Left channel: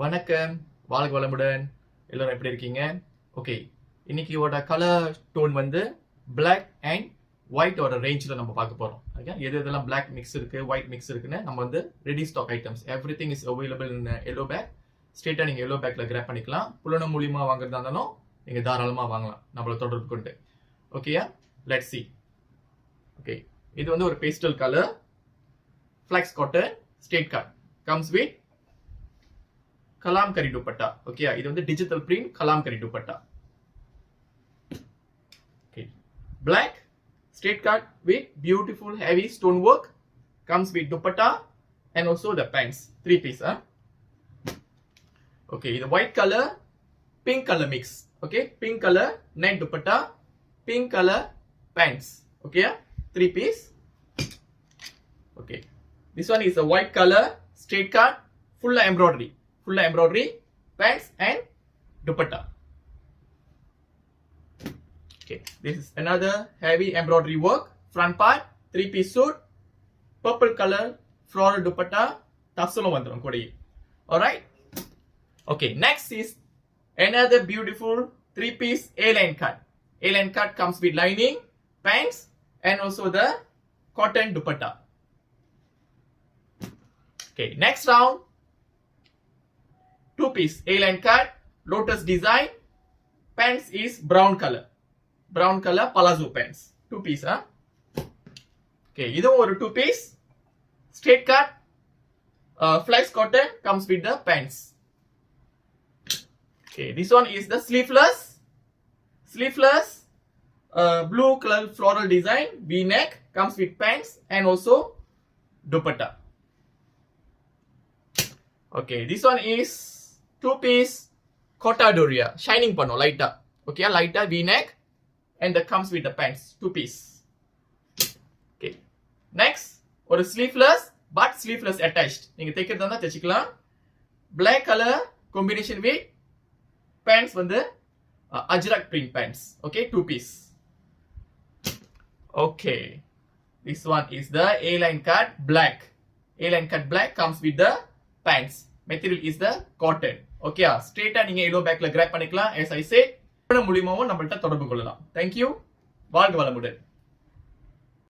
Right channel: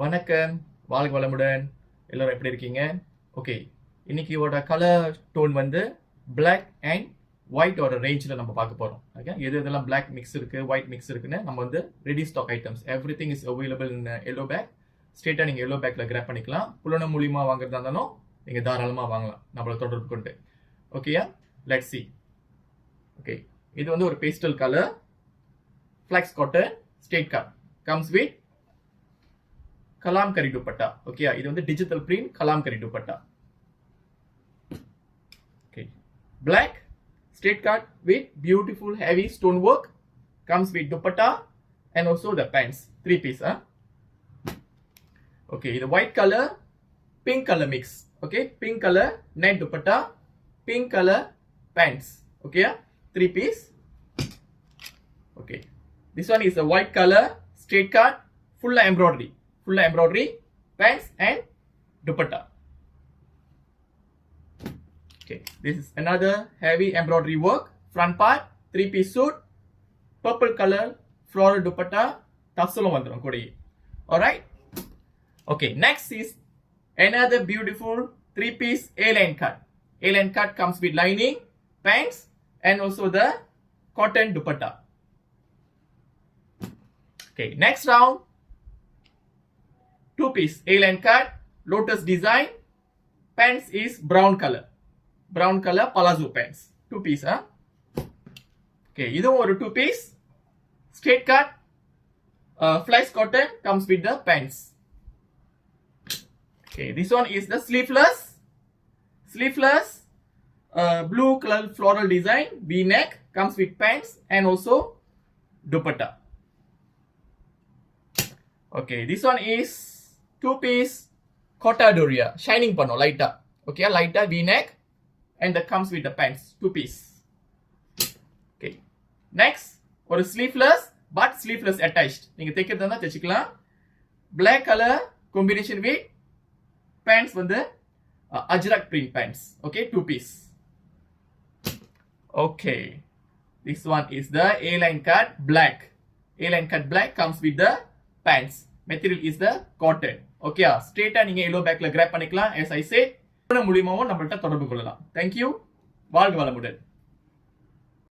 வணக்கம், வாழ்க வளமுடன். எல்லாரும் எப்படி இருக்கீங்க? ஓகே, இன்னைக்கு கலர் டோன் வந்து பிளாக் அண்ட் ஒயிட் ரேஞ்சில் நம்ம பார்க்க போறோம். ஓகே, எதெல்லாம் பிளாக் மிக்ஸ் இருக்கு, ஒயிட் மிக்ஸ் இருக்குன்னு நம்ம வந்து ready stock items everything is available in yellow pack. ஸ்ட்ரெயிட்டாக நீங்கள் எல்லோ பேக்கில் கிராப் பண்ணிக்கலாம். புலனம் மூலியமாக வாங்குறதா இருந்தாலும் நீங்கள் தாராளமாக வாங்கலாம் நம்மளை தொடர்பு கொண்டு. ஓகேயா, லெட்ஸ் சி. ஓகே, இது வந்து ஒரு pastel colour flax cotton straight cut comes with Kalamkari dupatta. Okay, இது வந்து digital print Kalamkari dupatta. Okay, black straight cut with beautiful heavy stone work comes with dupatta and also the pants, 3 piece. Okay, the white color pink color mix. Okay, pink color net dupatta, pink color pants. Okay, 3 piece. Okay, this one is a white color straight cut full embroidery pants and dupatta. Okay, this is another heavy embroidery work front part, 3 piece suit, purple color floral dupatta, tassalum vandrum kodai. All right. Okay, next is another beautiful 3 piece A-line cut. A-line cut comes with lining, pants and also the cotton dupatta. Okay, next round 2 piece A-line cut, lotus design, pants is brown color palazzo pants, 2 piece. Okay, இதுவும் ஒரு 2 piece straight cut flex cotton comes with the pants. Okay, this one is the sleeveless blue color floral design v-neck comes with pants and also dupatta. Okay, this one is 2 piece Cotta Doria shining panno lighta. Okay, lighta v-neck and that comes with the pants, 2 piece. Okay, next ஒரு sleeveless but sleeveless attached நீங்க தைக்கிறதா இருந்தா தைச்சிக்கலாம். black color combination with pants வந்து ajrak print pants. Okay, 2 piece. Okay, this one is the A-line cut black. A-line cut black comes with the pants. Material is the cotton. Okay, straight நீங்க எல்லோ பேக்ல கிராப் பண்ணிக்கலாம். as I said மூலியமாவும் நம்மள்ட்ட தொடர்பு கொள்ளலாம். Thank you, வாழ்க வளமுடன்.